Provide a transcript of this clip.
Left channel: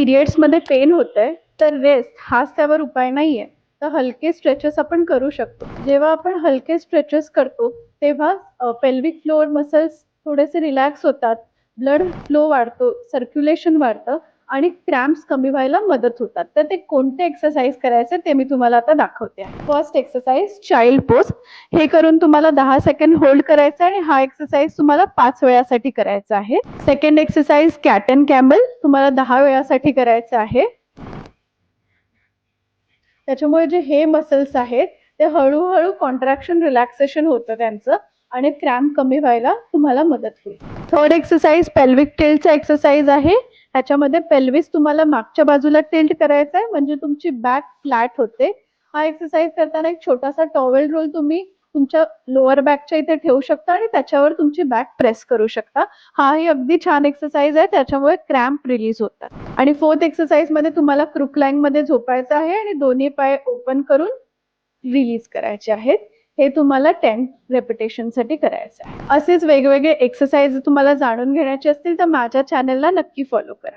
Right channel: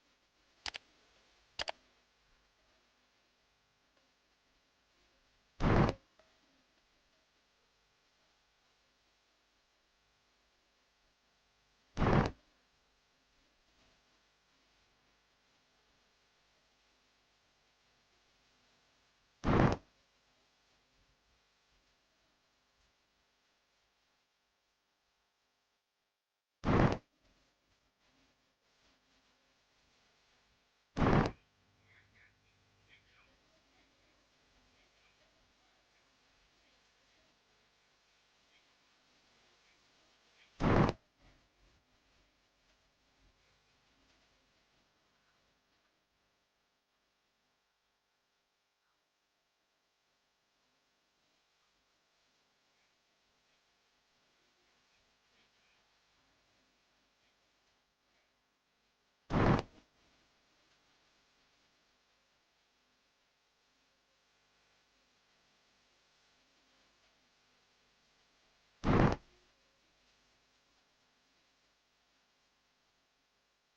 पिरियड्समध्ये pen होतंय, तर rest हाच त्यावर उपाय नाहीये. तर हलके स्ट्रेचेस आपण करू शकतो. जेव्हा आपण हलके स्ट्रेचेस करतो, तेव्हा पेल्विक फ्लोर मसल्स थोडेसे रिलॅक्स होतात, ब्लड फ्लो वाढतो, सर्क्युलेशन वाढतं आणि क्रॅम्प्स कमी व्हायला मदत होतात. तर ते कोणते एक्सरसाइज करायचे ते मी तुम्हाला आता दाखवते. First exercise child pose. हे करून तुम्हाला 10 सेकंड होल्ड करायचं आहे आणि हा एक्सरसाइज तुम्हाला 5 वेळासाठी करायचा आहे. Second exercise cat and camel तुम्हाला 10 वेळासाठी करायचं आहे. त्याच्यामुळे जे हे मसल्स आहेत ते हळूहळू कॉन्ट्रॅक्शन रिलॅक्सेशन होतं त्यांचं आणि क्रॅम्प कमी व्हायला तुम्हाला मदत होईल. थर्ड एक्सरसाइज पेल्विक टिल्टचा एक्सरसाइज आहे. ह्याच्यामध्ये पेल्विस तुम्हाला मागच्या बाजूला टिल्ट करायचं आहे म्हणजे तुमची बॅक फ्लॅट होते. हा एक्सरसाइज करताना एक छोटासा टॉवेल रोल तुम्ही तुमच्या लोअर बॅकच्या इथे ठेवू शकता आणि त्याच्यावर तुमची बॅक प्रेस करू शकता. हाही अगदी छान एक्सरसाइज आहे, त्याच्यामुळे क्रॅम्प रिलीज होतात. आणि फोर्थ एक्सरसाइज मध्ये तुम्हाला क्रुक लाईन मध्ये झोपायचं आहे आणि दोन्ही पाय ओपन करून रिलीज करायचे आहेत. हे तुम्हाला 10 रेपिटेशन साठी करायचं आहे. असेच वेगवेगळे एक्सरसाइज तुम्हाला जाणून घेण्याचे असतील तर माझ्या चॅनलला नक्की फॉलो करा.